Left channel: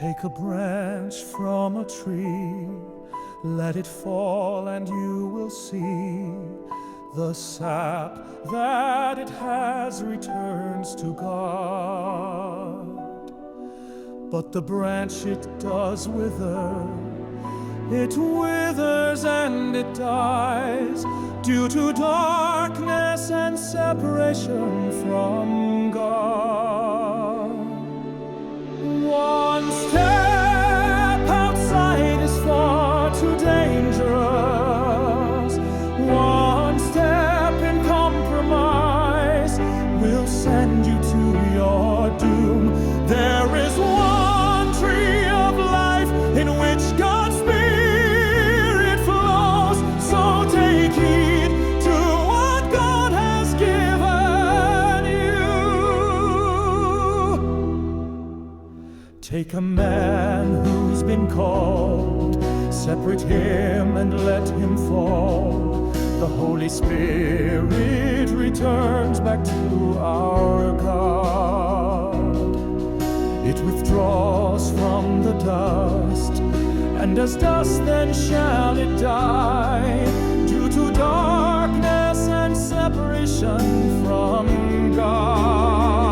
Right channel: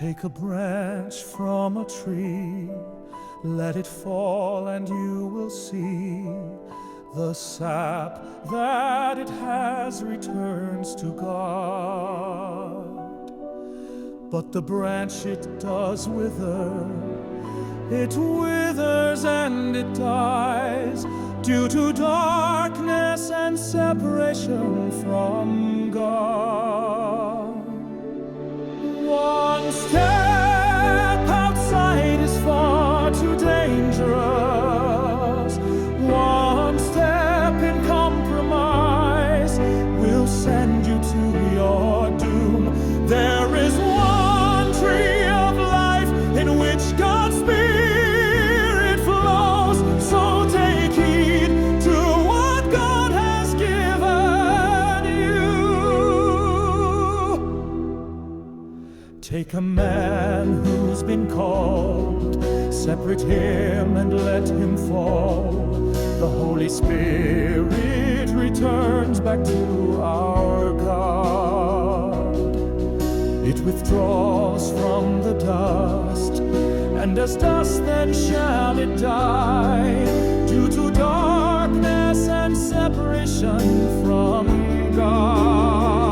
Take a branch from a tree, let it fall and you will see the sap that it has returns to God. But the branch, it does wither, it withers and it dies due to darkness and separation from God. One step outside is far too dangerous. One step in compromise will send you to your doom. There is one tree of life in which God's Spirit flows. So take heed to what God has given you. Take a man who's been called, separate him and let him fall. The Holy Spirit returns back to our God. It withdraws from the dust, and as dust then shall it die, due to darkness and separation from God.